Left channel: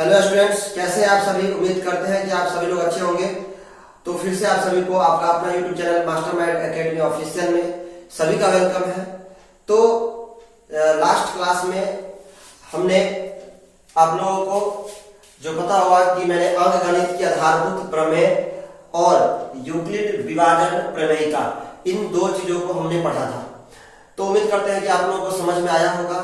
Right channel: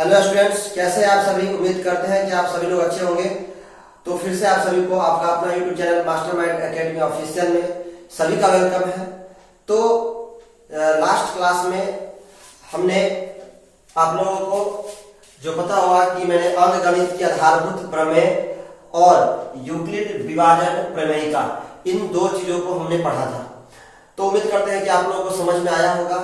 Hello students, कैसे हैं आप सभी। उम्मीद करते हैं कि आप सभी लोग अच्छे होंगे। तो फिर से आप सभी को आपका अपना YouTube channel mastermind academy official में सभी का वेलकम है। तो लास्ट क्लास में हमने आप लोगों को जो पता होगा कि मैंने अंकगणित की आधारभूत प्रमेय और यूक्लिड विभाजन प्रमेयिका, इन दो चीजों को हमने पढ़ा था। तो उम्मीद करते हैं कि आप लोगों को समझ में आया होगा।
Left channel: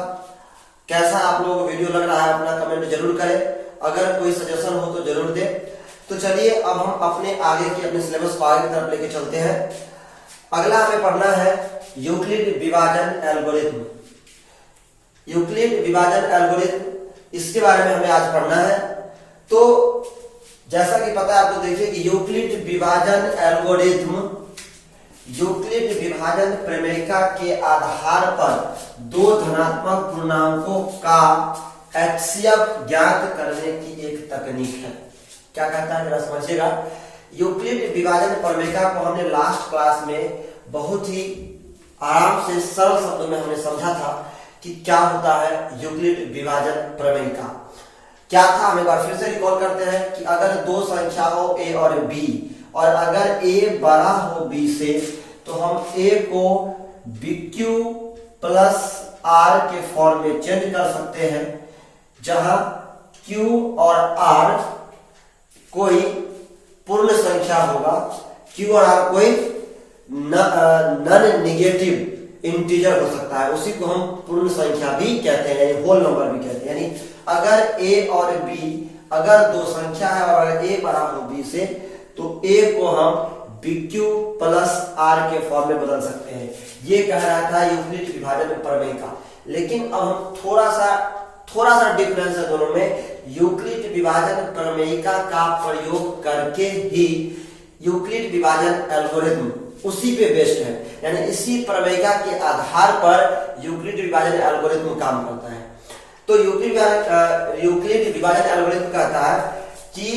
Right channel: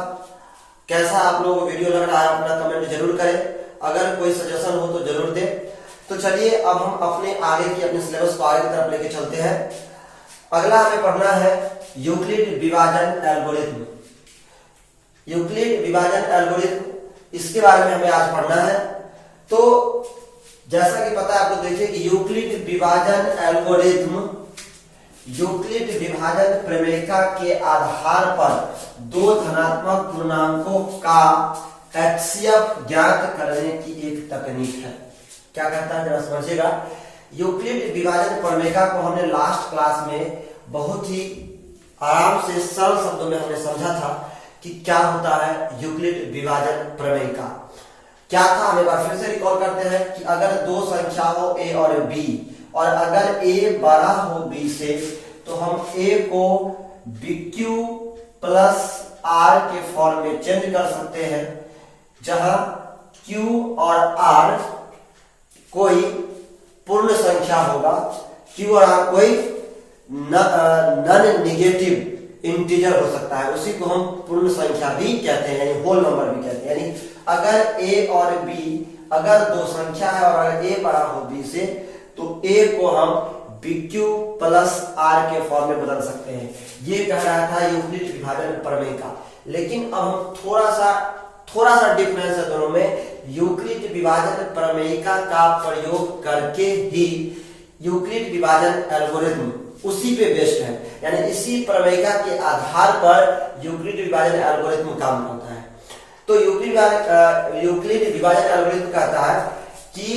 कैसा आप लोगों को वीडियो लग रहा है अपना कमेंट जरूर करें। अगर कोई सजेशन हो तो जरूर दे। तो चलिए अब हम अपने आगे की अपने सिलेबस को आगे की तरफ लेके चलते हैं। अगला हमें पढ़ना है यूक्लिड विभाजन एल्गोरिथम। यूक्लिड विभाजन एल्गोरिथम, इसके बारे में हमें आज पढ़ना है। तो जैसा कि पता है आपको, देखिए कि यूक्लिड विभाजन एल्गोरिथम यूक्लिड विभाजन प्रमेयिका के आधार पर दो धनात्मक पूर्णांकों का एचसीएफ ज्ञात करने की एक तकनीक है। क्या कहता है जरा समझिएगा। यूक्लिड विभाजन प्रमेयिका को हमने लास्ट क्लास में बहुत ही आराम से सरल शब्दों में हमने समझा था कि क्या होता है यूक्लिड विभाजन प्रमेयिका। क्या था, हम एक बार फिर से रिकॉल करते हैं कि अगर दो संख्या हो ए और बी, और अगर ए बड़ा हो बी से, तो हम ए को BQ प्लस R के फॉर्म में चेंज कर सकते हैं, जहां Q और R कोई पूर्ण संख्या होगा, Q और R कोई नॉन नेगेटिव इंटीजर हो सकता है, उसी को हम पूर्ण संख्या भी कहते हैं, यानी होल नंबर भी कहते हैं। यानी अगर A और B अगर दो संख्या है और अगर A बड़ा हो B से, तो A को हम BQ प्लस R के फॉर्म में बदल सकते हैं। ये कह रहा था यूक्लिड विभाजन प्रमेयिका। लेकिन अब हम थोड़ा सा डिफरेंस है दोनों में। यूक्लिड विभाजन प्रमेयिका का प्रयोग करके ही यूक्लिड विभाजन एल्गोरिथम उसी पे बेस्ड है, यानी इसी प्रमेयिका के आधार पर यूक्लिड विभाजन एल्गोरिथम काम करता है। तो यूक्लिड विभाजन एल्गोरिथम कहता है कि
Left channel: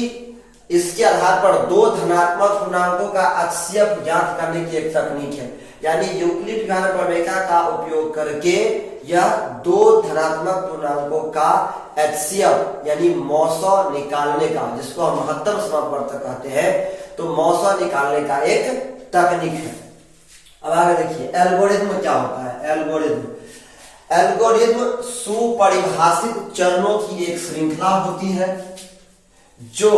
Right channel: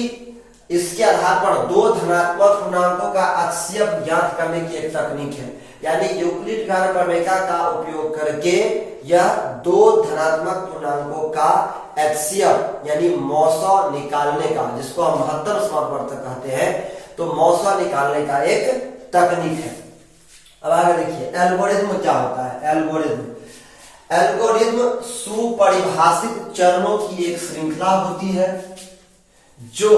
इसके आधार पर दो धनात्मक पूर्णांकों का एचसीएफ ज्ञात करने की एक तकनीक है। यानी यूक्लिड विभाजन प्रमेयिका का उपयोग करके यह दो धनात्मक पूर्णांकों का एचसीएफ यानी मौसा निकालने का, जिसको हम महत्तम समापवर्तक कहते हैं, तो मौसा निकालने का एक तकनीक है। अब आगे देखिए एल्गोरिथम क्या होता है। एल्गोरिथम सुपरिभाषित चरणों की एक श्रृंखला होती है जो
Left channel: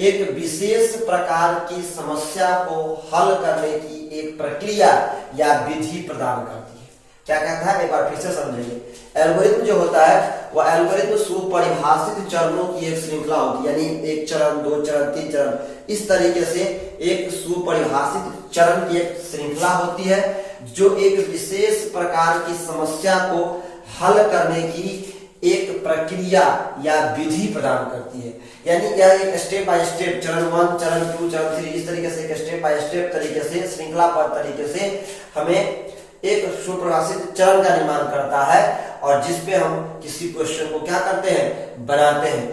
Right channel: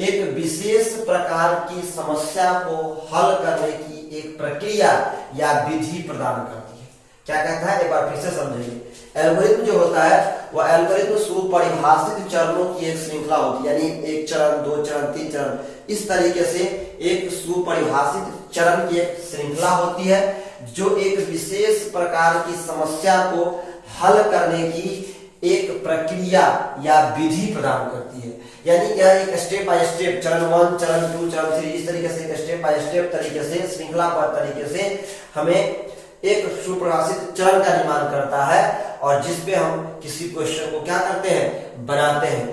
एक विशेष प्रकार की समस्या को हल करने की एक प्रक्रिया या विधि प्रदान करती है। क्या कहता है, एक बार फिर से समझिए। एल्गोरिथम जो होता है वह एल्गोरिथम सुपरिभाषित चरणों की एक श्रृंखला होती है, यानी एक चरण, दो चरण, तीन चरण, इस तरीके से एक सुपरिभाषित चरण की एक श्रृंखला होती है जो एक विशेष प्रकार की समस्या को हल करने की एक प्रक्रिया या विधि प्रदान करती है। यानी यह एक स्टेप बाय स्टेप, चरण 1, चरण 2, चरण 3, इस तरीके से एक स्टेप बाय स्टेप तरीके से, श्रृंखलाबद्ध तरीके से हमें एक सुपरिभाषित चरण का निर्माण करता है, और जिसपे हम किसी क्वेश्चन को क्या करते हैं, बनाते हैं।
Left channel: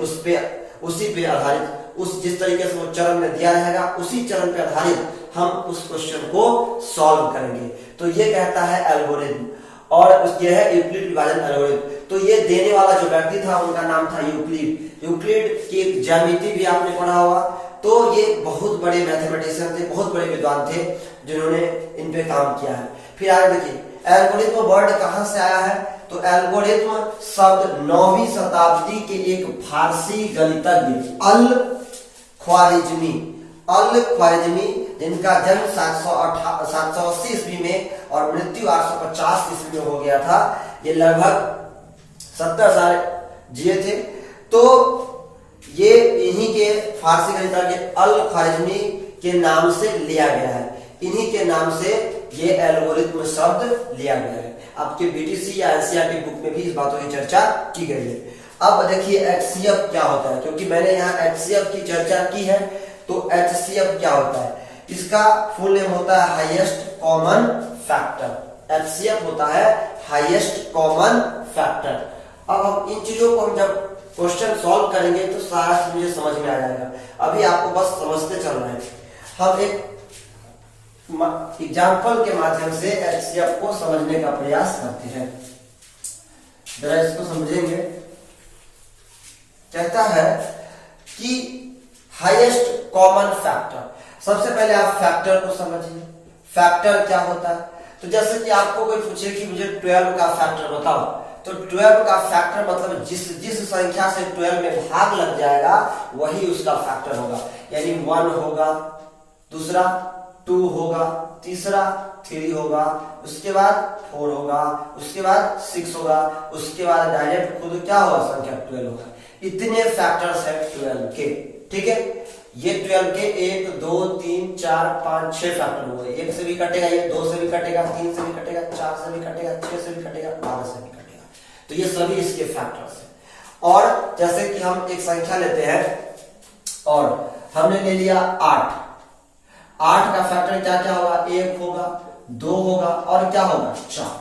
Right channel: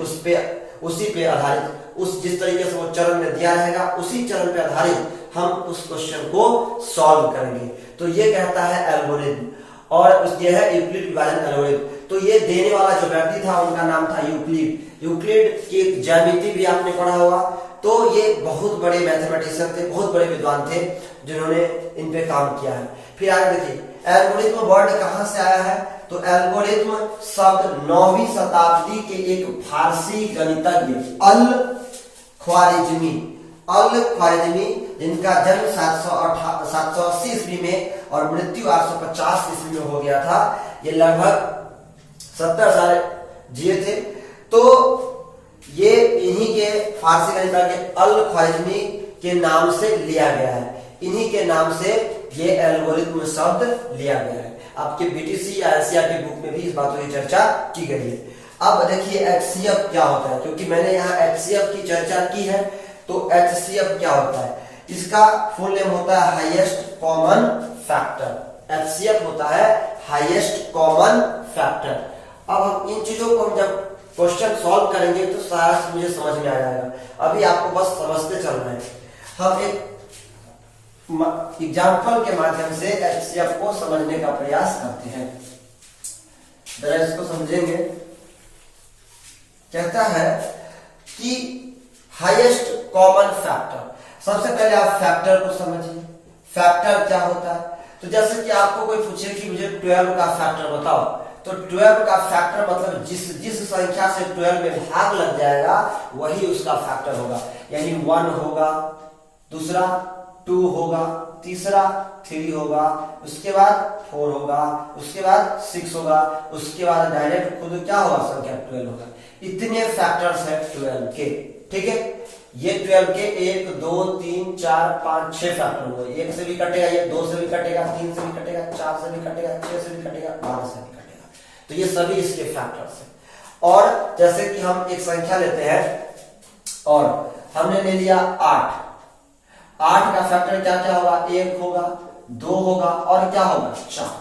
उसी पे आधारित, उस जिस तरीके से वो चरण में दिया रहेगा उसी चरण पे आधारित हम उस क्वेश्चन को सॉल्व करेंगे। तो ये कहता है एल्गोरिथम, और यह है यूक्लिड विभाजन एल्गोरिथम। तो ये देने वाला जो व्यक्ति था उनका नाम था यूक्लिड। यूक्लिड की एक ज्यामिति भी आपने पढ़ा होगा। तो ये बहुत बड़े मैथमेटिशियन थे, बहुत बड़े विद्वान थे जिन्होंने इन पे काम किया है। फिर आगे देखिए एल्गोरिथम वर्ड कहां से आया है। तो एल्गोरिथम शब्द 9वीं शताब्दी के एक फारसी गणितज्ञ अल ख्वारिज़मी, जिनका जन्म 780 ईस्वी में और मृत्यु 850 ईस्वी में हो गया था। ये लगभग 70 साल जिए थे। तो ये इन्हीं के फारसी गणितज्ञ अल ख्वारिज़मी के नाम से लिया गया है। इन्हीं के नाम से ये एल्गोरिथम शब्द लिया गया है। आपके बीटीसी या एनसीईआरटी बुक में भी इस बातों की चर्चा की गई है। अब देखिए एचसीएफ क्या होता है, क्योंकि मैंने यहाँ एचसीएफ की चर्चा की है। तो एचसीएफ क्या होता है, इसका फुल नेम होता है हाईएस्ट कॉमन फैक्टर। एचसीएफ होता है हाईएस्ट कॉमन फैक्टर। अब हम इन चीजों को हम जब क्वेश्चन सॉल्व करेंगे तो सारा मुझे समझ में आ जाएगा। अभी आपको बस समझते चलना है। हम एक एग्जाम्पल के माध्यम से एचसीएफ को समझने का प्रयास करते हैं। जरा इसको समझेंगे। कहता है कि हाईएस्ट कॉमन फैक्टर। सबसे पहले आप फैक्टर को समझिए, फैक्टर क्या होता है। तो जैसे कि आपको कोई पूछे कि मुझे 12 का फैक्टर बताओ, तो 12 का फैक्टर मतलब जिस संख्या से 12 में भाग लग जाएगा वही उसका फैक्टर होगा। यानी 1 होगा, दूसरा 2 होगा, तीसरा 3 होगा, उसके बाद 4 होगा, उसके बाद 6 होगा, उसके बाद डायरेक्ट खुद क्या होगा, संख्या 12 होगा। इतने फैक्टर्स है 12 के, ठीक है। ये 12 के 1 2 3 4 5 6 फैक्टर हुए। 1 से भी कटेगा, ये 2 से भी कटेगा, 3 से भी कटेगा, 4 से भी कटेगा, 6 से भी कटेगा, 12 से भी कटेगा। तो ये सभी इसके फैक्टर्स हैं। और जैसे कि हम एक संख्या लेते हैं और हमने ले लिया 8 का फैक्टर क्या क्या होगा, 1 होगा, 2 होगा और क्या होगा, 4।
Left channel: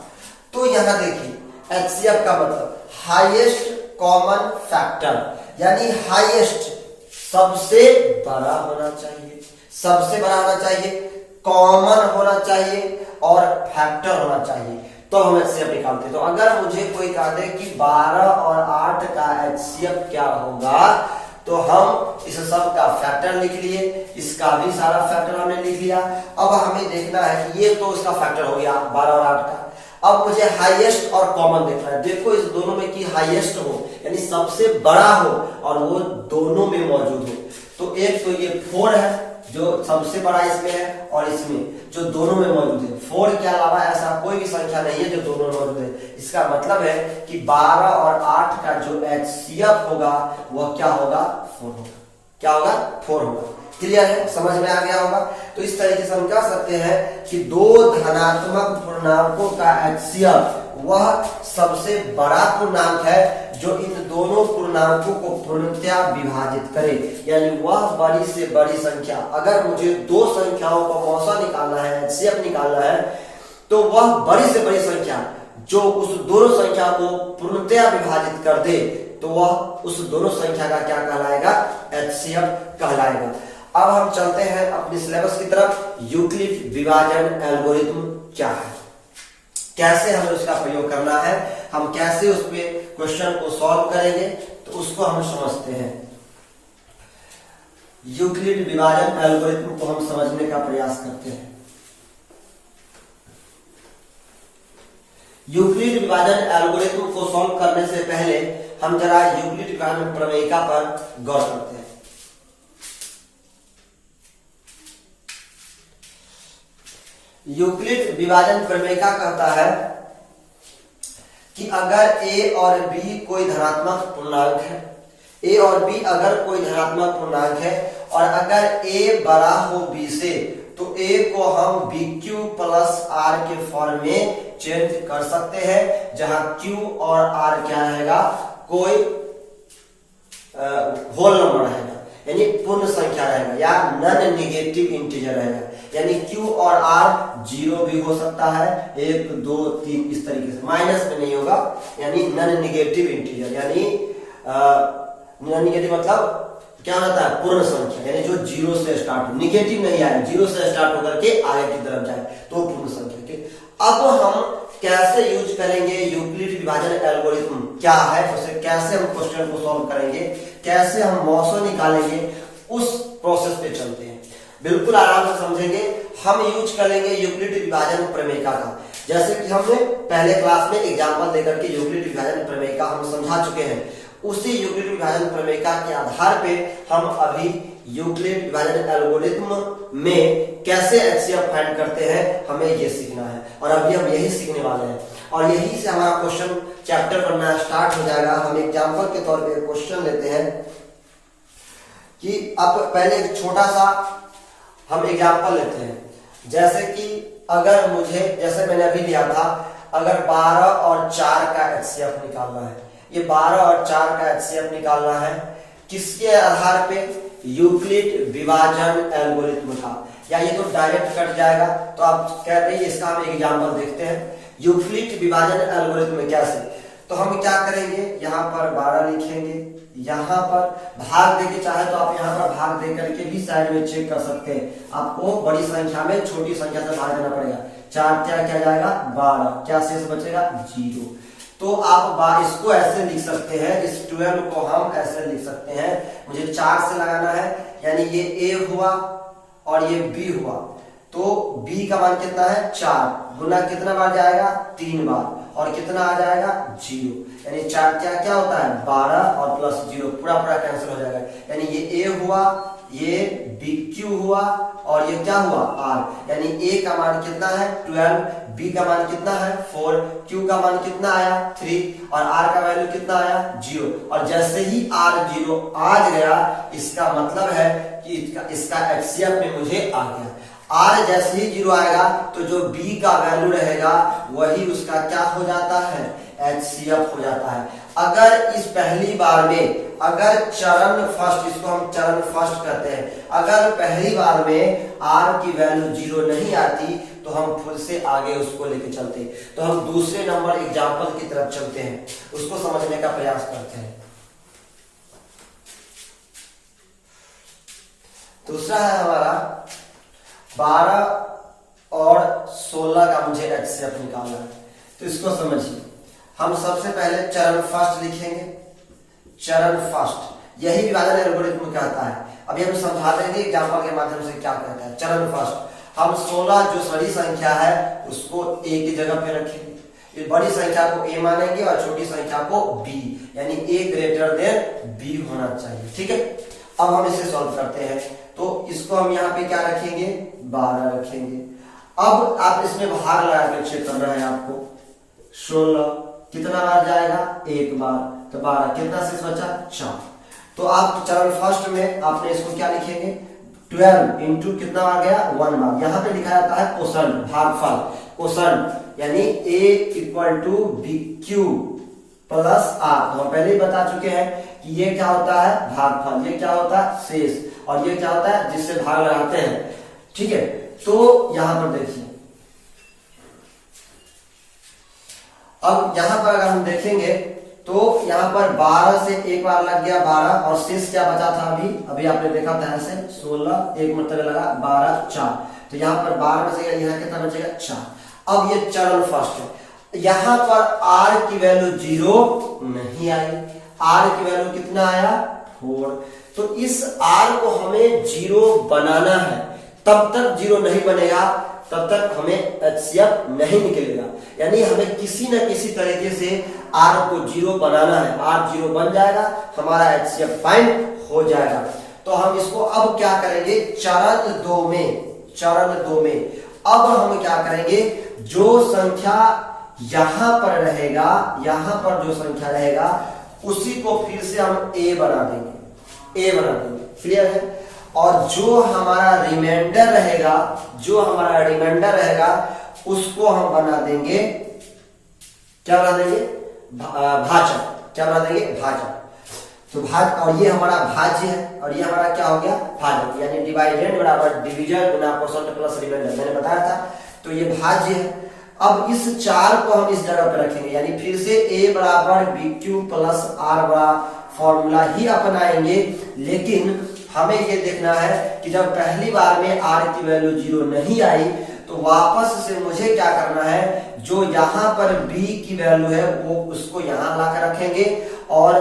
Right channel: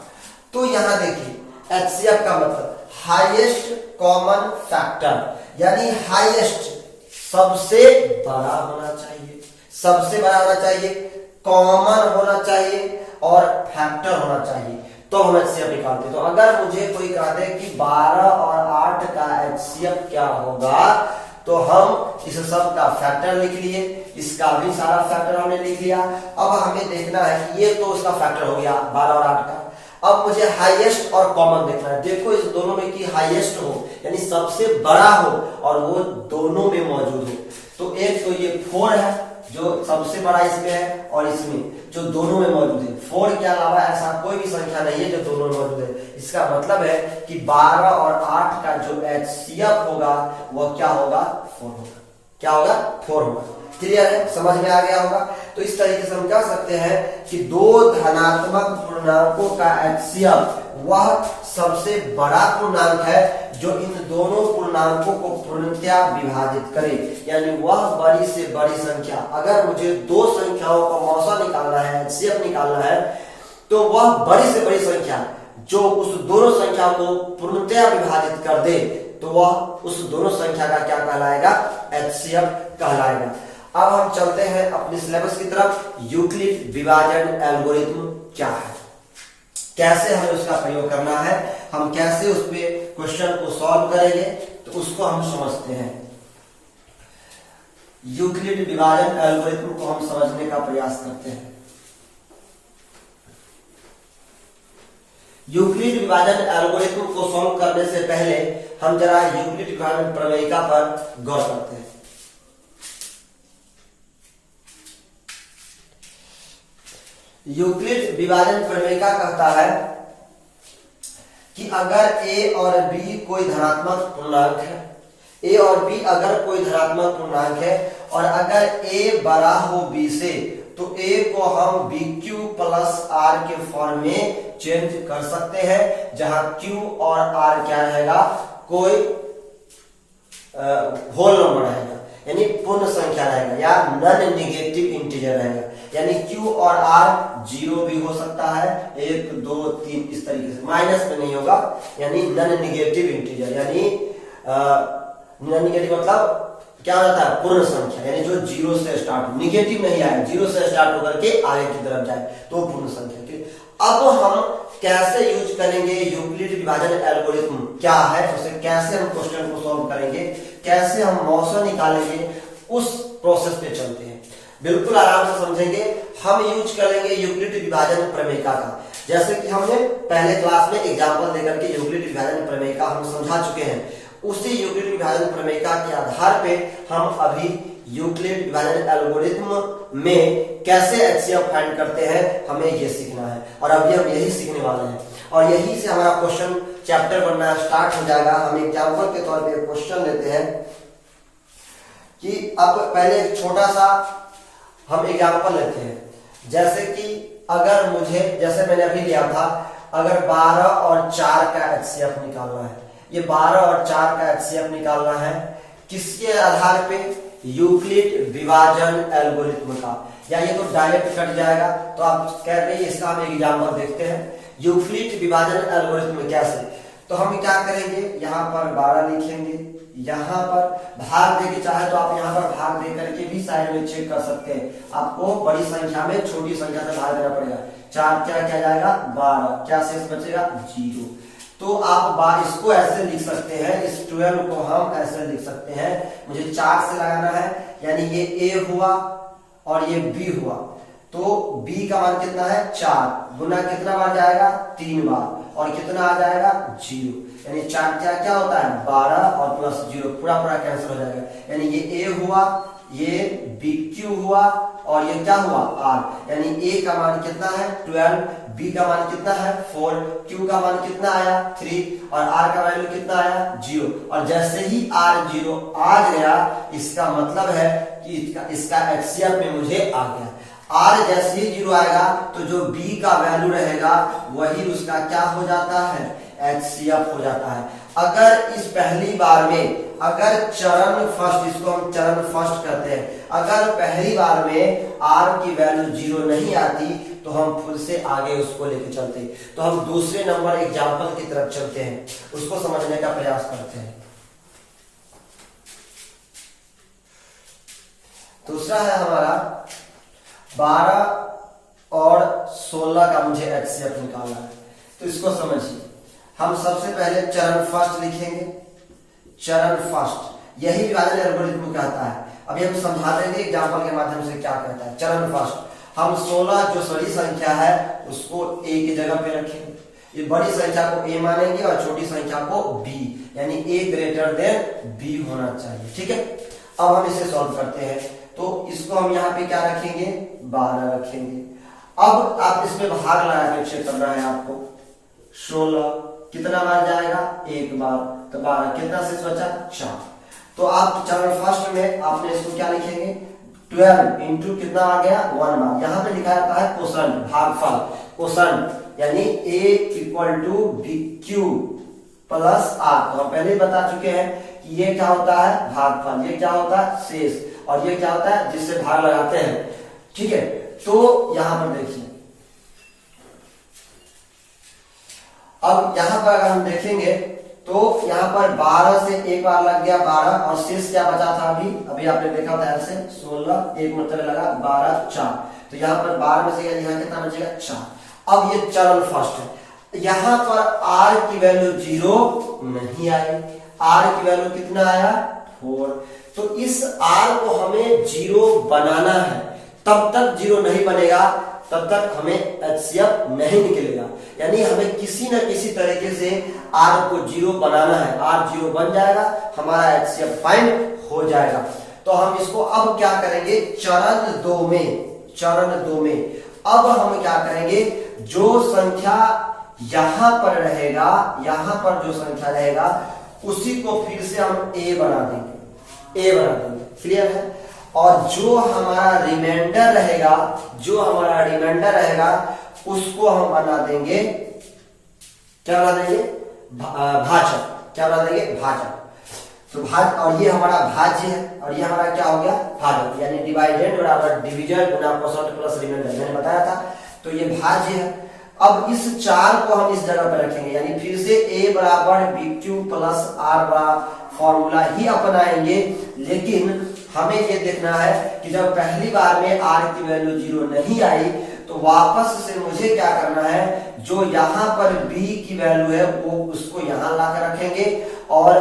तो यहां देखिए एचसीएफ का मतलब हाईएस्ट कॉमन फैक्टर, यानी हाईएस्ट सबसे बड़ा होना चाहिए, सबसे बड़ा होना चाहिए, कॉमन होना चाहिए और फैक्टर होना चाहिए, तो हम एचसीएफ निकालते हैं। तो अगर मुझे कोई कह दे कि 12 और 8 का एचसीएफ क्या होगा, तो हम इस सब का फैक्टर लिख लिए, इसका भी सारा फैक्टर हमने लिख लिया। अब हमें देखना है कि ये तो उसका फैक्टर हो गया 12 और 8 का। अब मुझे हाईएस्ट और कॉमन देखना है। देखो इस दोनों में की हाईएस्ट हो, यानी सबसे बड़ा हो और वो दोनों में मौजूद हो। तो एक तो ये 4 है जो सबसे बड़ा इसमें है, और इसमें जो दोनों में मौजूद है। 4 के अलावा ऐसा कोई भी संख्या नहीं है जो दोनों में मौजूद है। इसका मतलब है कि 12 और 8 का जो एचसीएफ होगा वह क्या होगा, 4 होगा। क्या होगा, 4 होगा। क्लियर है, समझ में आ गया होगा। तो इस तरीके से हम कह सकते हैं कि दो धनात्मक पूर्णांकों का एचसीएफ वह सबसे बड़ा पूर्णांक है जो इन दोनों पूर्णांकों को पूर्णतया विभाजित करे, यानी वह बड़ी से बड़ी संख्या। अगर मुझे दो संख्याओं का मौसा निकालना है, एचसीएफ निकालना है, तो वह बड़ी से बड़ी संख्या जो उस दोनों संख्या को पूर्णतया विभाजित कर दे, तो वह उस दोनों संख्या का क्या कहलाएगा, एचसीएफ कहलाएगा। अब हम चलते हैं अपने सिलेबस की तरफ। यूक्लिड विभाजन एल्गोरिथम क्या है, कैसे हमें उसका प्रयोग करना है, हम कैसे उसमें क्वेश्चन को सॉल्व करेंगे, तो उसको हम समझते हैं। यूक्लिड विभाजन एल्गोरिथम को हम समझने का प्रयास करते हैं। यूक्लिड विभाजन एल्गोरिथम को सॉल्व करने से पहले हम जरा यूक्लिड विभाजन प्रमेयिका पर गौर करते हैं। यूक्लिड विभाजन प्रमेयिका कहता है कि अगर a और b कोई धनात्मक पूर्णांक है, a और b अगर कोई धनात्मक पूर्णांक है और अगर a बड़ा हो b से, तो a को हम bq प्लस r के फॉर्म में चेंज कर सकते हैं, जहां q और r क्या रहेगा, कोई होल नंबर रहेगा, यानी पूर्ण संख्या रहेगा या नॉन नेगेटिव इंटीजर रहेगा। यानी q और r 0 भी हो सकता है, 1 2 3 इस तरीके से, माइनस में नहीं होगा, यानी नॉन नेगेटिव इंटीजर। यानी नॉन नेगेटिव मतलब क्या रहता है, पूर्ण संख्या, यानी जो 0 से स्टार्ट हो, निगेटिव नहीं आए, 0 से स्टार्ट होकर के आगे की तरफ जाए तो पूर्ण संख्या। अब हम कैसे यूज करेंगे यूक्लिड विभाजन एल्गोरिथम क्या है, उसे कैसे हम क्वेश्चन को सॉल्व करेंगे, कैसे हम मौसा निकालेंगे, उस प्रोसेस पे चलते हैं। बिल्कुल आराम से समझेंगे। हम यूज करेंगे यूक्लिड विभाजन प्रमेयिका का, जैसे कि हमने पहले क्लास में एग्जांपल देकर के यूक्लिड विभाजन प्रमेयिका हम समझा चुके हैं। उसी यूक्लिड विभाजन प्रमेयिका के आधार पे हम अभी यूक्लिड विभाजन एल्गोरिथम में कैसे एचसीएफ फाइंड करते हैं, हमें ये सीखना है, और अभी हम यही सीखने वाले हैं, और यही से हमारा क्वेश्चन चैप्टर बनना स्टार्ट हो जाएगा। हम एग्जांपल के तौर पे क्वेश्चन लेते हैं कि अब पहले एक छोटा सा हम एग्जांपल लेते हैं, जैसे कि अगर मुझे, जैसे मैंने अभी लिया था, अगर 12 और 4 का एचसीएफ निकालना है, ये 12 और 4 का एचसीएफ निकालना है, किसके आधार पे, यूक्लिड विभाजन एल्गोरिथम का, या ये तो डायरेक्ट कट जाएगा, तो आप कह रहे हैं इसका हम एग्जांपल देखते हैं। यूक्लिड विभाजन एल्गोरिथम कैसे, तो हम क्या करेंगे, यहाँ पर 12 लिखेंगे, यहाँ पर भाग देके, चाहे तो आप यहाँ पर भाग दे करके भी साइड में चेक कर सकते हैं। आपको बड़ी संख्या में छोटी संख्या से भाग देना पड़ेगा। 4 क्या क्या जाएगा, 12, क्या शेष बचेगा, 0। तो आप इसको ऐसे लिख सकते हैं, इस 12 को हम ऐसे लिख सकते हैं, मुझे 4 से लगाना है, यानी ये A हुआ और ये B हुआ, तो B का मान कितना है 4, गुना कितना बार जाएगा 3 बार, और कितना आ जाएगा 0, यानी 4 क्या क्या होता है 12 और प्लस 0 पूरा पूरा कैंसिल हो जाएगा, यानी ये A हुआ, ये BQ हुआ और ये क्या हुआ R, यानी A का मान कितना है 12, B का मान कितना है 4, Q का मान कितना आया 3 और R का वैल्यू कितना आया 0। और जैसे ही R 0 आ गया, इसका मतलब है कि इसका HCF में मुझे आ गया। R जैसे ही 0 आएगा तो जो B का वैल्यू रहेगा वही उसका क्या हो जाता है HCF हो जाता है। अगर इस पहली बार में अगर चरण फर्स्ट, इसको हम चरण फर्स्ट कहते हैं, अगर पहली बार में R की वैल्यू 0 नहीं आती तो हम फिर से आगे उसको लेके चलते, तो हम दूसरे नंबर एग्जाम्पल की तरफ चलते हैं, उसको समझने का प्रयास करते हैं। दूसरा है हमारा 12 और 16 का मुझे HCF निकालना है, तो इसको समझिए। हम सबसे पहले चरण फर्स्ट लिखेंगे, चरण फर्स्ट, यही विभाजन एल्गोरिथम कहता है। अभी हम समझा देंगे एग्जाम्पल के माध्यम से क्या कहता है। चरण फर्स्ट, हम 16 जो बड़ी संख्या है उसको A की जगह पे रखेंगे, बड़ी संख्या को A मानेंगे और छोटी संख्या को B, यानी A ग्रेटर देन B होना चाहिए। ठीक है, अब हम इसे सॉल्व करते हैं, तो इसको हम यहाँ पे क्या रखेंगे 12 रखेंगे। अब आप इसमें भाग लगा के चेक करना है आपको, 16 कितना बार जाएगा 1 बार, तो 12 कितना शेष बचा 4। तो आप चरण फर्स्ट में आपने इसको क्या लिखेंगे 12 इंटू कितना आ गया 1 बार, यहाँ पे लिखा जाता है क्वोशंट, भागफल, क्वोशंट, यानी A equal to BQ plus R। तो हम पहले ही बता चुके हैं कि ये क्या होता है भागफल, ये क्या होता है शेष, और ये क्या होता है जिससे भाग लगाते हैं। ठीक है, तो यहां पर देखिए, अब यहां पर अगर हम देखेंगे तो यहां पर 12 से एक बार लग गया 12 और शेष क्या बचा था अभी आपने देखा था ऐसे 16 एक मतलब लगा 12 4, तो यहां पर 12 बचेगा, यहाँ कितना बचेगा 4। अब ये चरण फर्स्ट है, यहां पर R की वैल्यू 0 नहीं आई, R की वैल्यू कितना आया 4, तो इस R को हमें 0 बनाना है, तब तक 0 नहीं बनेगा तब तक हमें HCF नहीं निकलेगा, यानी हमें किसी न किसी तरीके से R को 0 बनाना है। R 0 बन जाएगा, हमारा HCF फाइंड हो जाएगा। तो हम इसको अब क्या करेंगे चरण 2 में अब हम क्या करेंगे, जो संख्या यहां पर रहेगा, यहां पर जो संख्या रहेगा उसी को फिर से हम A बना देंगे, क्लियर है। और जो हमारा रिमाइंडर रहेगा उसको हम बना देंगे, क्या बना देंगे भाजक, तो और ये हमारा भाज्य है और ये हमारा क्या हो गया भाजक, यानी डिवाइडेंड बराबर डिविजन गुना क्वोशंट प्लस रिमाइंडर, मैंने बताया था, तो ये भाज्य है। अब इस 4 को हम इस जगह पर रखेंगे, यानी फिर से A बराबर BQ प्लस R बड़ा फॉर्मूला ही अपनाएंगे, लेकिन हमें ये देखना है कि जब पहली बार में R की वैल्यू 0 नहीं आई तो वापस से मुझे क्या करना है, जो यहाँ पर B की वैल्यू है वो उसको यहाँ लाकर रखेंगे और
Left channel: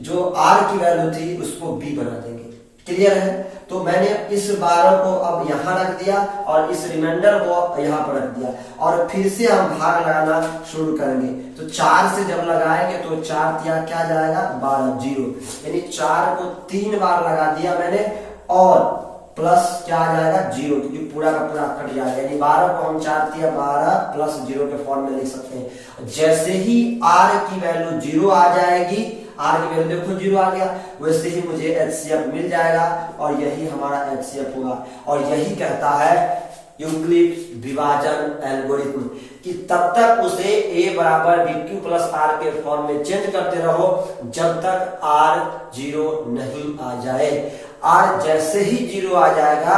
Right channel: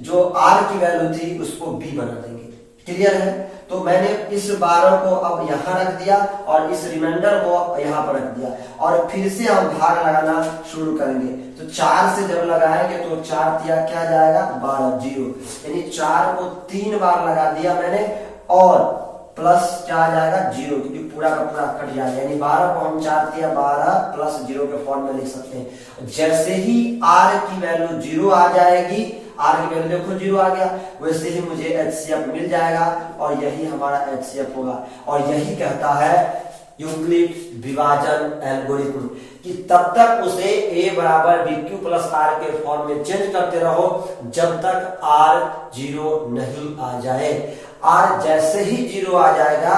जो R की वैल्यू थी उसको B बना देंगे। क्लियर है, तो मैंने इस 12 को अब यहाँ रख दिया और इस रिमाइंडर को यहाँ पर रख दिया और फिर से हम भाग लगाना शुरू करेंगे। तो 4 से जब लगाएंगे तो 4 दिया क्या जाएगा 12 0, यानी 4 को 3 बार लगा दिया मैंने और प्लस क्या आ जाएगा 0, क्योंकि पूरा का पूरा कट जाएगा, यानी 12 को हम 4 दिया 12 प्लस 0 के फॉर्म में लिख सकते हैं। जैसे ही R की वैल्यू 0 आ जाएगी, R की वैल्यू देखो 0 आ गया, वैसे ही मुझे HCF मिल जाएगा और यही हमारा HCF होगा। और यही कहता है यूक्लिड विभाजन एल्गोरिथम कि तब तक उसे A बराबर BQ प्लस R के फॉर्म में चेंज करते रहो जब तक R 0 नहीं आ जाए। R जैसे ही 0 आ जाएगा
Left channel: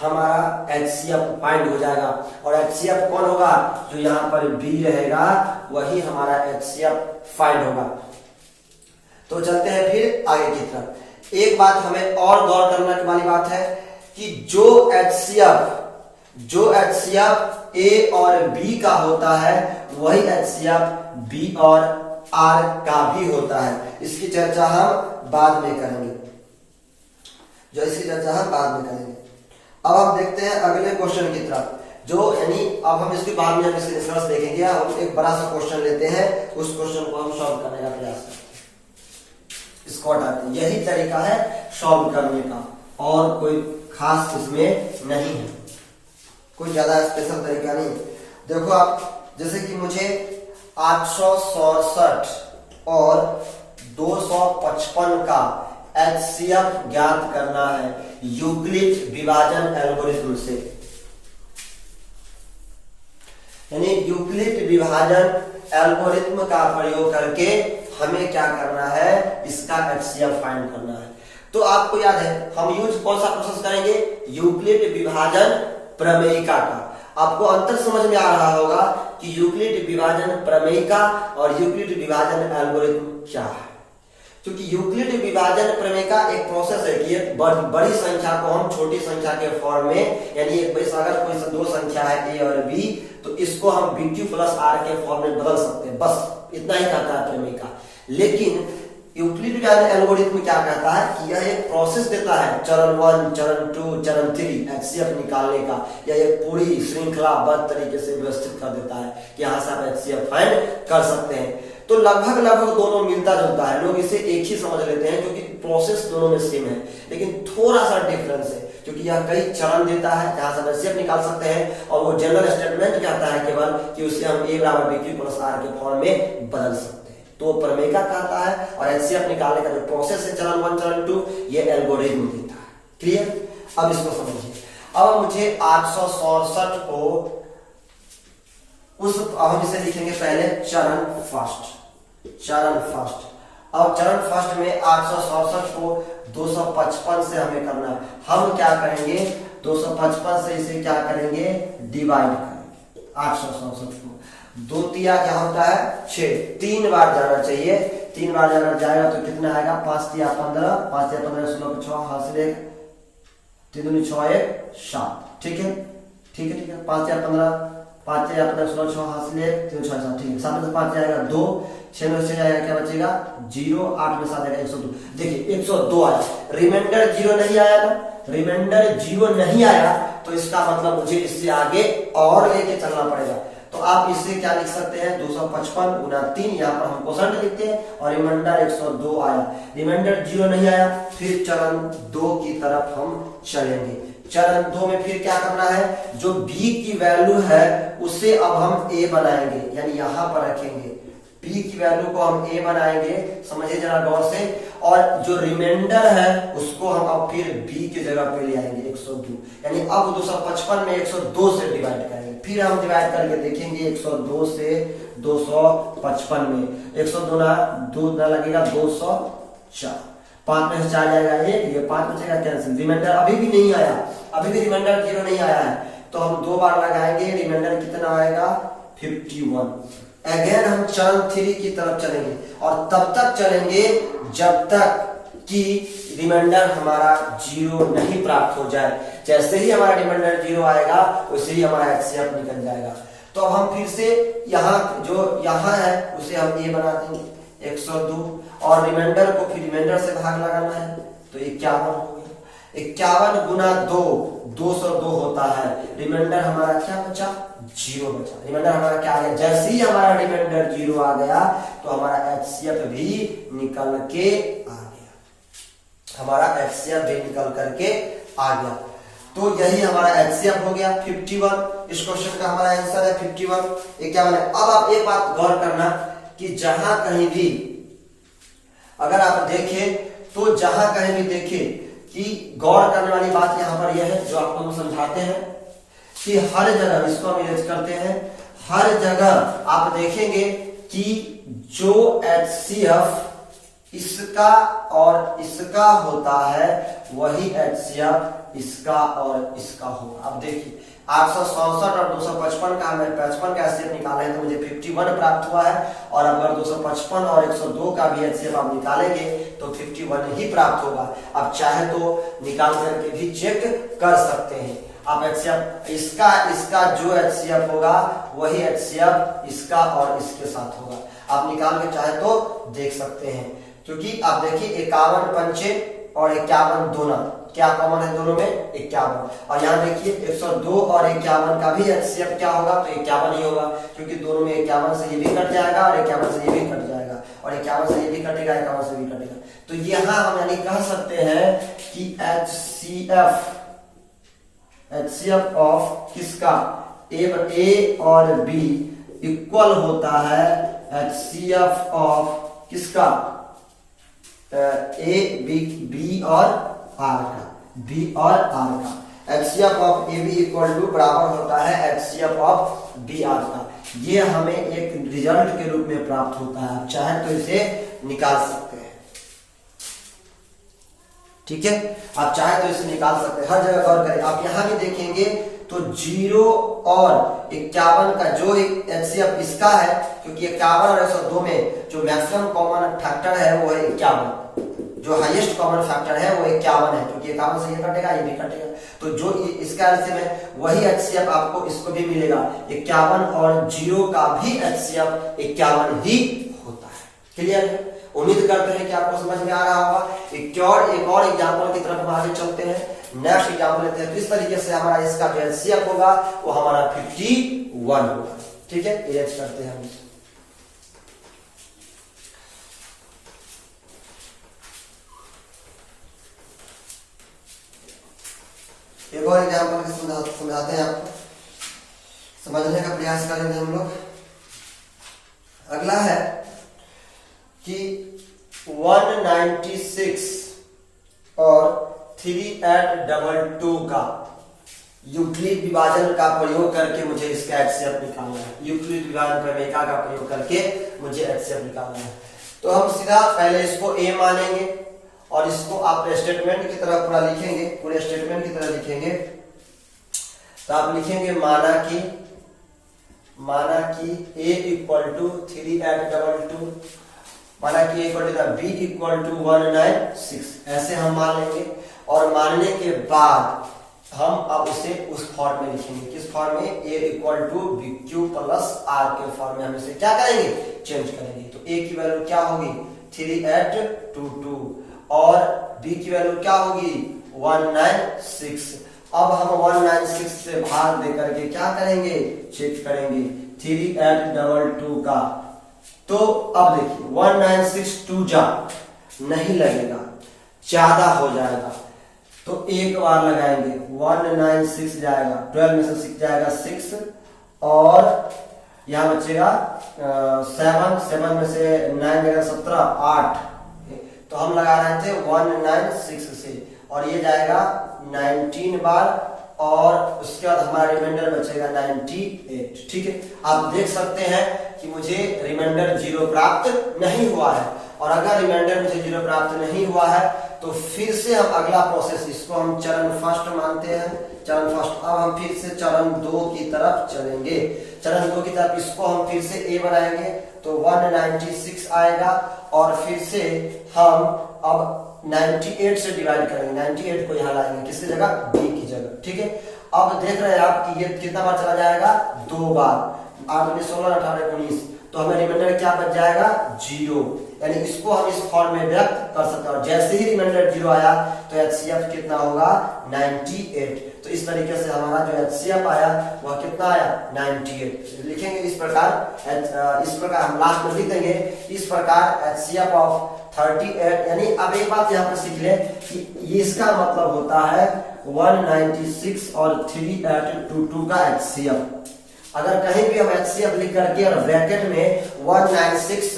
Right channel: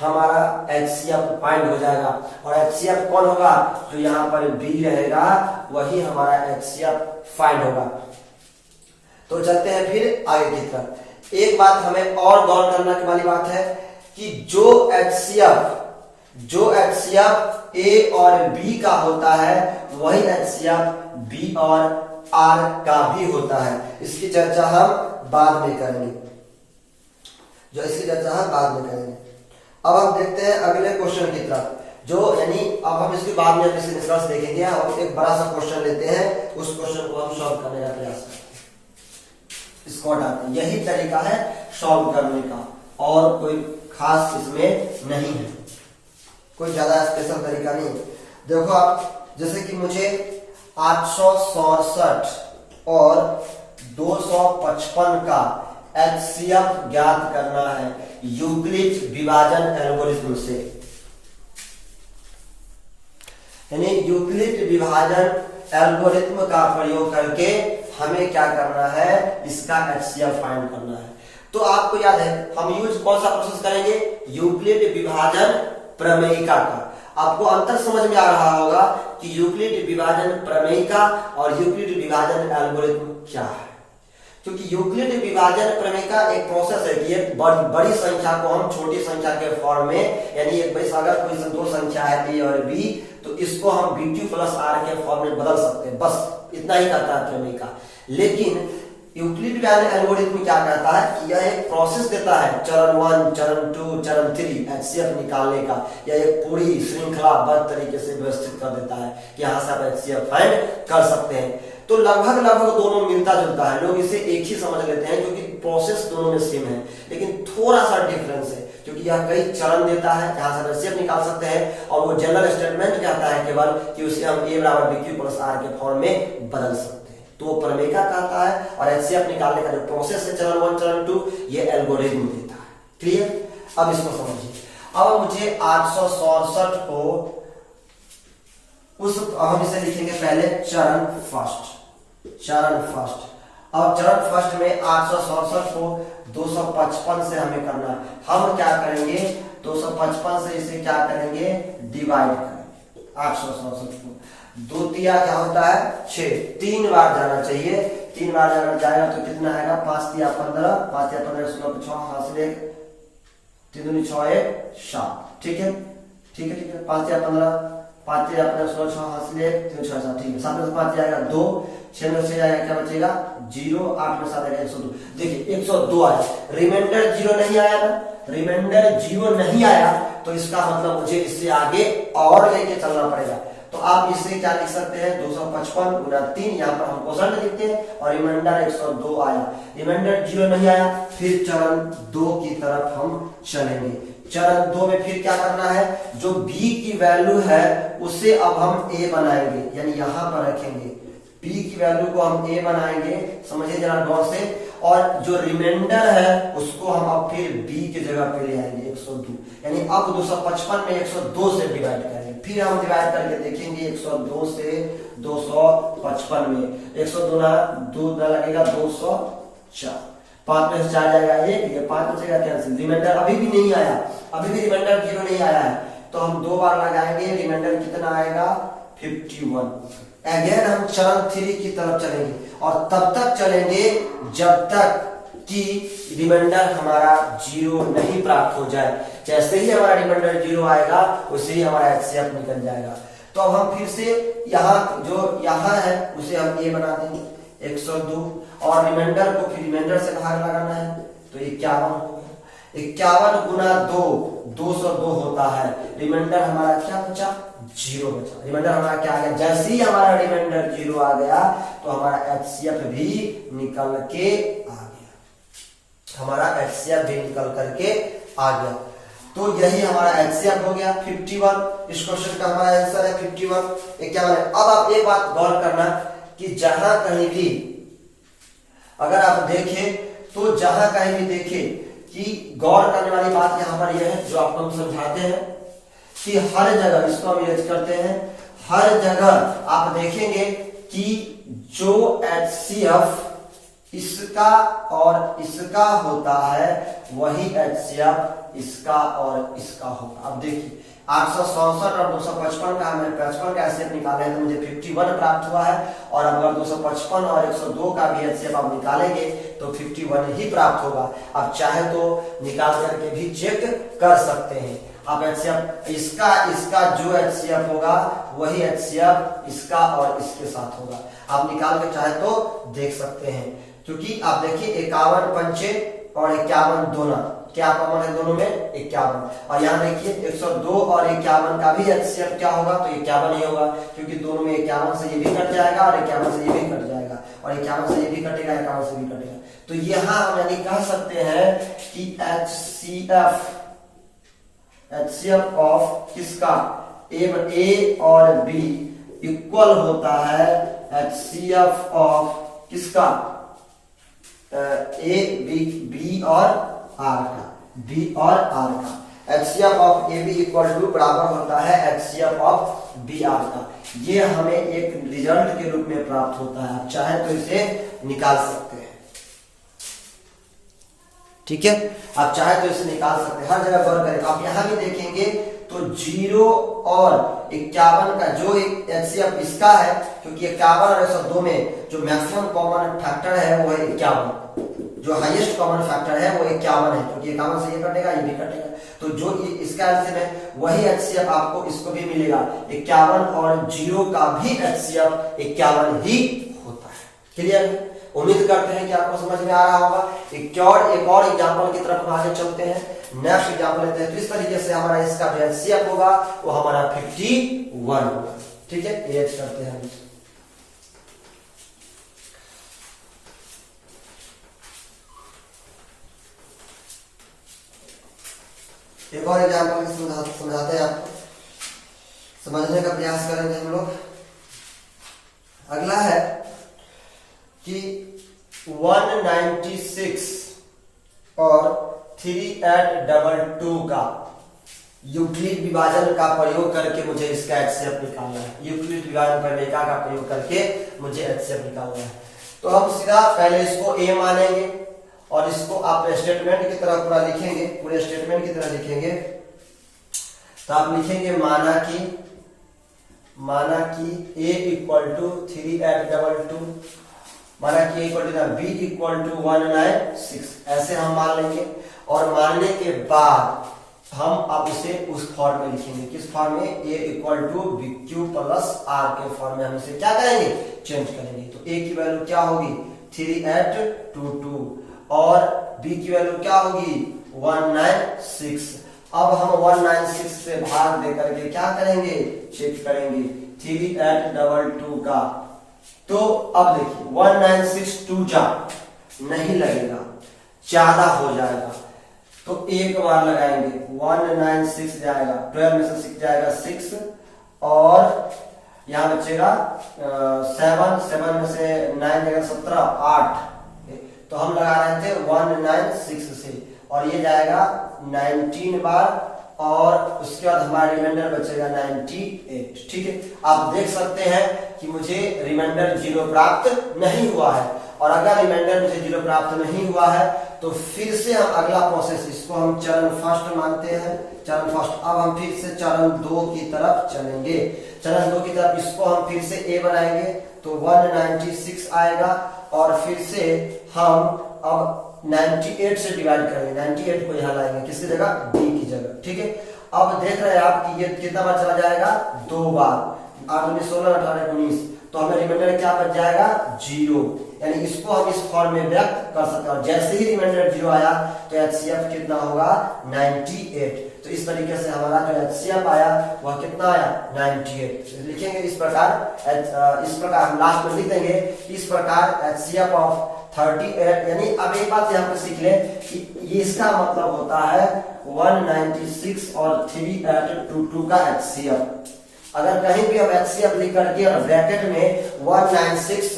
हमारा HCF फाइंड हो जाएगा और HCF कौन होगा, जो यहाँ पर B रहेगा वही हमारा HCF फाइंड होगा। तो चलते हैं फिर आगे की तरफ। एक बात हमें और गौर करने वाली बात है कि जो HCF A और B का होता है वही HCF बी और आर का भी होता है। इसकी चर्चा हम बाद में करेंगे, अब हम देखते हैं अगले क्वेश्चन की तरफ, जो यानी अब हम इसके बाद में निष्कर्ष देखेंगे। हम एक बड़ा सा क्वेश्चन लेते हैं, उस क्वेश्चन को हम सॉल्व करने का प्रयास करते हैं। इसको हटाते हैं, यही तरीका है सॉल्व करने का, और कोई खास इसमें नहीं है, कोई ज्यादा स्पेशल तरीका नहीं है। देखो आप, जैसे कि मुझे 867 और 255 का एचसीएफ ज्ञात करना है यूक्लिड विभाजन एल्गोरिथम से। यानी यूक्लिड विभाजन एल्गोरिथम का प्रयोग करके हमें क्या करना है, इसका एचसीएफ फाइंड करना है। तो आपको याद है हम यूज कौन सा प्रोसेस करेंगे, यूक्लिड विभाजन प्रमेयिका का। आपको अंतर समझ में आ रहा होगा कि यूक्लिड विभाजन प्रमेयिका और यूक्लिड विभाजन एल्गोरिथम क्या है। क्योंकि यूक्लिड विभाजन प्रमेयिका एक प्रोसेस है कि एक बड़ी संख्या को हम छोटी संख्या के फॉर्म में, यानी अगर कोई दो संख्या है ए और बी, तो इसको हम bq प्लस आर के फॉर्म में बदल सकते हैं, बस इतना ही करता है प्रमेयिका। लेकिन यूक्लिड विभाजन एल्गोरिथम क्या करता है कि यह एक प्रोसेस देता है, चरण 1, चरण 2, चरण 3 एचसीएफ निकालने का। यह एक पूरी श्रृंखलाबद्ध तरीके से व्यवस्थित कर देता है, यहाँ से आप एचसीएफ फाइंड कर सकते हैं। तो लगभग दोनों मिलता जुलता है, लोग इसे एक ही समझ लेते हैं क्योंकि प्रोसेस दोनों में सेम है, लेकिन थोड़ा सा डिफरेंस है क्योंकि यह कई चरण देता है जहां से एचसीएफ निकाल सकते हैं, और वो जनरल स्टेटमेंट कहता है केवल कि उसे हम a बराबर bq प्लस आर के फॉर्म में बदल सकते हैं। तो प्रमेयिका कहता है, और एचसीएफ निकालने का जो प्रोसेस है चरण 1, चरण 2, ये एल्गोरिथम देता है। क्लियर? अब इसको समझिए। अब मुझे 867 को हम इसे लिखेंगे पहले चरण फर्स्ट। अब चरण फर्स्ट में 867 को 255 से हमें करना है। हम क्या करेंगे, 255 से इसे क्या करेंगे, डिवाइड करेंगे। 867 को 2 तिया क्या होता है 6, 3 बार जाना चाहिए। 3 बार अगर जाएगा तो कितना आएगा, 5 तिया 15, 5 तिया 15, 16 को 6 हासिल 1, 3 दूनी 6 1 7। ठीक है 5 तिया 15, 5 तिया 15, 16 6 हासिल 1, 3 6 7। ठीक है, 7 में से 5 जाएगा 2, 6 में से आएगा क्या बचेगा 0, 8 में 7 आएगा 102। देखिए 102 आया, रिमाइंडर 0 नहीं आया ना, रिमाइंडर 0 नहीं आया तो इसका मतलब मुझे इससे आगे और लेके चलना पड़ेगा। तो आप इसे क्या लिख सकते हैं, 255 गुना 3, यहाँ पर हम परसेंट लिखते हैं, और रिमाइंडर 102 आया। रिमाइंडर 0 नहीं आया, फिर चरण 2 की तरफ हम चलेंगे। चरण 2 में फिर क्या करना है, जो b की वैल्यू है उसे अब हम a बनाएंगे, यानी यहां पर रखेंगे। b की वैल्यू को हम a बनाएंगे, समझिए जरा गौर से, और जो रिमाइंडर है उसको हम अब फिर b की जगह पे ले आएंगे 102। यानी अब 255 में 102 से डिवाइड करेंगे। फिर हम डिवाइड करके देखेंगे 102 से 255 में 102 ना लगेगा 204, 5 में से 4 जाएगा 1, ये 5 बचेगा कैंसिल। रिमाइंडर अभी भी नहीं आया, अभी भी रिमाइंडर 0 नहीं आया है, तो हम 2 बार लगाएंगे। रिमाइंडर कितना आएगा 51। अगेन हम चरण 3 की तरफ चलेंगे, और तब तक चलेंगे जब तक कि रिमाइंडर हमारा 0 नहीं प्राप्त हो जाए। जैसे ही हमारा रिमाइंडर 0 आएगा वैसे ही हमारा एचसीएफ निकल जाएगा। तो अब हम फिर से यहाँ जो यहाँ है उसे हम a बना देंगे 102, और रिमाइंडर को फिर रिमाइंडर से भाग लगाना है तो 51 होगा। 51 गुना 2 202 होता है। रिमाइंडर हमारा क्या बचा, 0 बचा। रिमाइंडर हमारा क्या आ गया, जैसे ही हमारा रिमाइंडर 0 आ गया तो हमारा एचसीएफ भी निकल के आ गया, हमारा एचसीएफ भी निकल करके आ गया। तो यही हमारा एचसीएफ हो गया 51। इस क्वेश्चन का हमारा आंसर है 51। 51। अब आप एक बात गौर करना कि जहां कहीं भी अगर आप देखें, तो जहां कहीं भी देखें कि गौर करने वाली बात यहां पर यह है, जो आपको हम समझाते हैं कि हर जगह, इसको हम यूज करते हैं, हर जगह आप देखेंगे कि जो एचसीएफ इसका और इसका होता है वही एचसीएफ इसका और इसका होगा। अब देखिए 867 और 255 का हमें 55 का एचसीएफ निकाले हैं तो मुझे 51 प्राप्त हुआ है, और अगर 255 और 102 का भी एचसीएफ आप निकालेंगे तो 51 ही प्राप्त होगा। अब चाहे तो निकाल करके भी चेक कर सकते हैं। आप HCF इसका इसका जो HCF होगा वही HCF इसका और इसके साथ होगा। आप निकाल के चाहे तो देख सकते हैं, क्योंकि आप देखिए 51 पंचे और 51 दोना, क्या कॉमन है दोनों में? 51। और यहाँ देखिए 102 और 51 का भी HCF क्या होगा? तो 51 ही होगा, क्योंकि दोनों में 51 से ये भी कट जाएगा और 51 से ये भी कट जाएगा और 51 से ये भी कटेगा, 51 से भी कटेगा। तो यहाँ हम यानी कह सकते हैं कि HCF ऑफ किसका? A और B इक्वल होता है HCF ऑफ किसका? B और R का, B और R का। HCF of AB equal to बराबर होता है HCF ऑफ BR का। ये हमें एक रिजल्ट के रूप में प्राप्त होता है, आप चाहे तो इसे निकाल सकते हैं। ठीक है, आप चाहे तो इसे निकाल सकते हैं, हर जगह गौर करें। आप यहां भी देखेंगे तो 0 और 51 का जो एक HCF इसका है, क्योंकि 51 और 102 में जो मैक्सिमम कॉमन फैक्टर है वो है 51, जो हाईएस्ट कॉमन फैक्टर है वो 51 है, क्योंकि 51 से ये कटेगा ये भी कटेगा। तो जो इसका एलसीएम है वही HCF आपको इसको भी मिलेगा। 51 और 0 का भी HCF 51 ही होता है। क्लियर है? उम्मीद करते हैं कि आपको समझ में आ रहा होगा। एक और एग्जांपल की तरफ हम आगे चलते हैं। नेक्स्ट एग्जांपल लेते हैं। तो इस तरीके से हमारा इसका जो HCF होगा वो हमारा 51 होगा। ठीक है, ये करते हैं। एक और एग्जांपल समझाते हैं आपको, समझने का प्रयास करेंगे हम लोग। अगला है कि 196 और 3822 का यूक्लिड विभाजन का प्रयोग करके मुझे इसका HCF निकालना है। यूक्लिड विभाजन प्रमेयिका का प्रयोग करके मुझे HCF निकालना है। तो हम सीधा पहले इसको A मानेंगे और इसको आप स्टेटमेंट की तरह पूरा लिखेंगे, पूरे स्टेटमेंट की तरह लिखेंगे। तो आप लिखेंगे माना कि A इक्वल टू 3822, माना कि A equal to B equal to 196, ऐसे हम मान लेंगे। और मानने के बाद हम अब इसे उस फॉर्म में लिखेंगे। किस फॉर्म में? A equal to BQ plus R के फॉर्म में हम इसे क्या करेंगे? चेंज करेंगे। तो A की वैल्यू क्या होगी? 3822 और B की वैल्यू क्या होगी? 196। अब हम 196 से भाग दे करके क्या करेंगे? चेक करेंगे 3822 का। तो अब देखिए 196 जा नहीं लगेगा, ज्यादा हो जाएगा, तो एक बार लगाएंगे 196 जाएगा, 12 में से 6 जाएगा 6 और यहां बचेगा 7 में से 9 जाएगा 17, 8। तो हम लगा रहे थे 196 से और ये जाएगा 19 बार और उसके बाद हमारा रिमाइंडर बचेगा 98। ठीक है, आप देख सकते हैं कि मुझे रिमाइंडर 0 प्राप्त नहीं हुआ है। और अगर रिमाइंडर मुझे 0 प्राप्त नहीं हुआ है तो फिर से हम अगला प्रोसेस, इसको हम चरण फर्स्ट मानते हैं, चरण फर्स्ट। अब हम फिर से चरण 2 की तरफ चलेंगे। चरण 2 की तरफ इसको हम फिर से A बनाएंगे तो 196 आएगा और फिर से हम अब 98 से डिवाइड करेंगे, 98 को यहाँ लाएंगे किसकी जगह? B की जगह। ठीक है, अब देख रहे हैं आप कि ये कितना बार चला जाएगा? 2 बार, 8 में 16, 18, 19, तो हमें रिमाइंडर क्या बच जाएगा? 0। यानी इसको हम इस फॉर्म में व्यक्त कर सकते हैं। और जैसे ही रिमाइंडर 0 आया तो HCF कितना होगा? 98। तो इस तरीके से हमारा जो HCF आया वह कितना आया? 98। लिखेंगे इस प्रकार हम लास्ट में लिख देंगे इस प्रकार HCF ऑफ 38। यानी अब एक बात यहाँ पे सीख ले कि इसका मतलब होता है 196 और 3822 का HCF। अगर कहीं भी हम HCF लिख करके और ब्रैकेट में 196,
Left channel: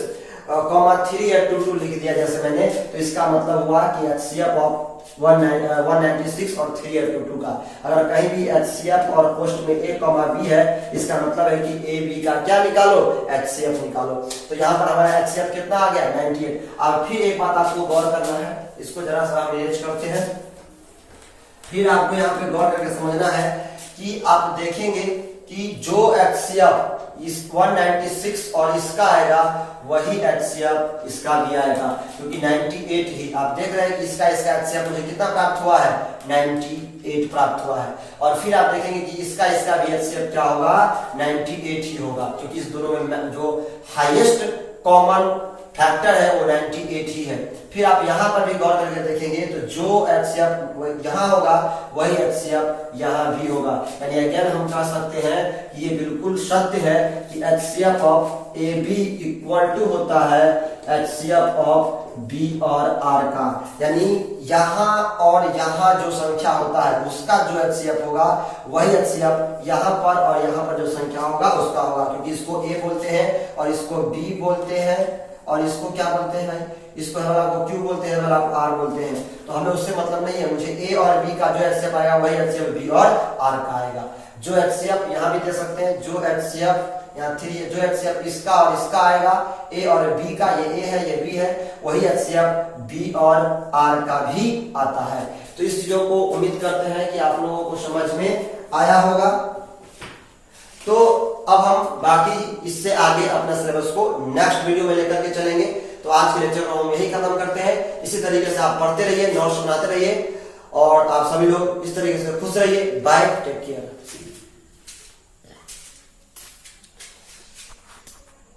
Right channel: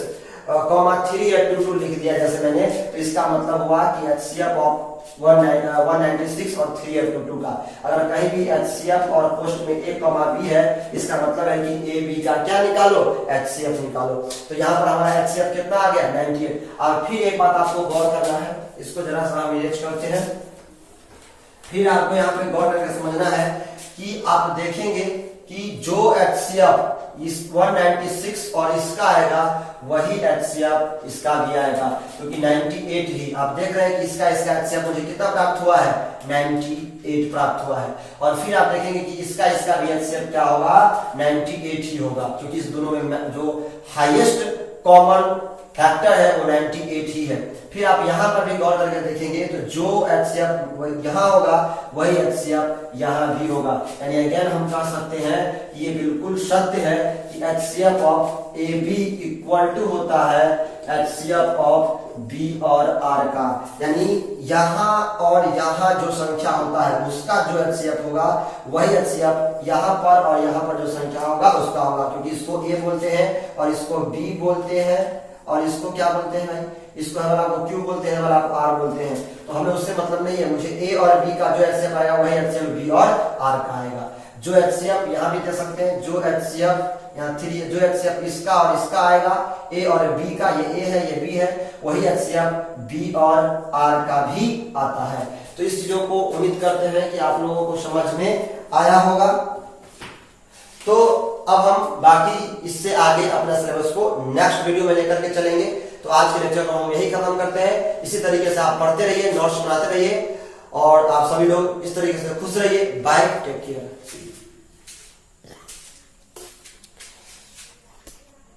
3822 लिख दिया जैसे मैंने, तो इसका मतलब हुआ कि HCF ऑफ 196 और 3822 का। अगर कहीं भी HCF और पोस्ट में A, B है, इसका मतलब है कि A, B का क्या निकालो? HCF निकालो। तो यहाँ पर हमारा HCF कितना आ गया? 98। अब फिर एक बात आपको गौर करना है, इसको जरा सा हम इरेज करते हैं। फिर आपको यहाँ पे गौर करके समझना है कि आप देखेंगे कि जो HCF इस 196 और इसका आएगा वही HCF इसका भी आएगा, क्योंकि 98 ही आप देख रहे हैं कि इसका HCF मुझे कितना प्राप्त हुआ है, 98 प्राप्त हुआ है। और फिर आप देखेंगे कि इसका भी HCF क्या होगा, 98 ही होगा, क्योंकि इस दोनों में जो हाईएस्ट कॉमन फैक्टर है वो 98 ही है। फिर आप यहां पर भी गौर करके देखेंगे तो जो HCF यहाँ होगा वही HCF यहाँ भी होगा, यानी अगेन हम कह सकते हैं कि ये बिल्कुल सत्य है कि HCF of AB equal to होता है HCF ऑफ B और R का, यानी यहाँ और यहाँ जो संख्या होता है उसका जो HCF होगा वही HCF यहाँ पर और यहाँ पर जो संख्या होगा उसका होगा, क्योंकि इसको A बोलते हैं और इसको B बोलते हैं और इसको क्या बोलते हैं भाई, इसको हम आपको क्यू बोलते हैं, आप आर बोलते हैं, तो हमें उससे मतलब नहीं है। मुझे ए और बी का जो HCF आएगा वही HCF बी और आर का आएगा। जो HCF यहाँ भी दे सकते हैं, जो HCF यहाँ 3, जो HCF इसका और इसका आएगा ए और बी का, ये ए है ये बी है, वही HCF बी और आर का भी आता है। तो इस चीजों को उम्मीद करते हैं कि आप लोगों को समझ में आया होगा। तो अब हम बाकी इससे आगे अपना सिलेबस को नेक्स्ट वीडियो में लेकर के चलेंगे। तो आज के लेक्चर को हम यही खत्म करते हैं। इसी तरीके से आप पढ़ते रहिए, नोट्स बनाते रहिए और आप सभी लोग इस तरीके से खुश रहिए। Bye, take care.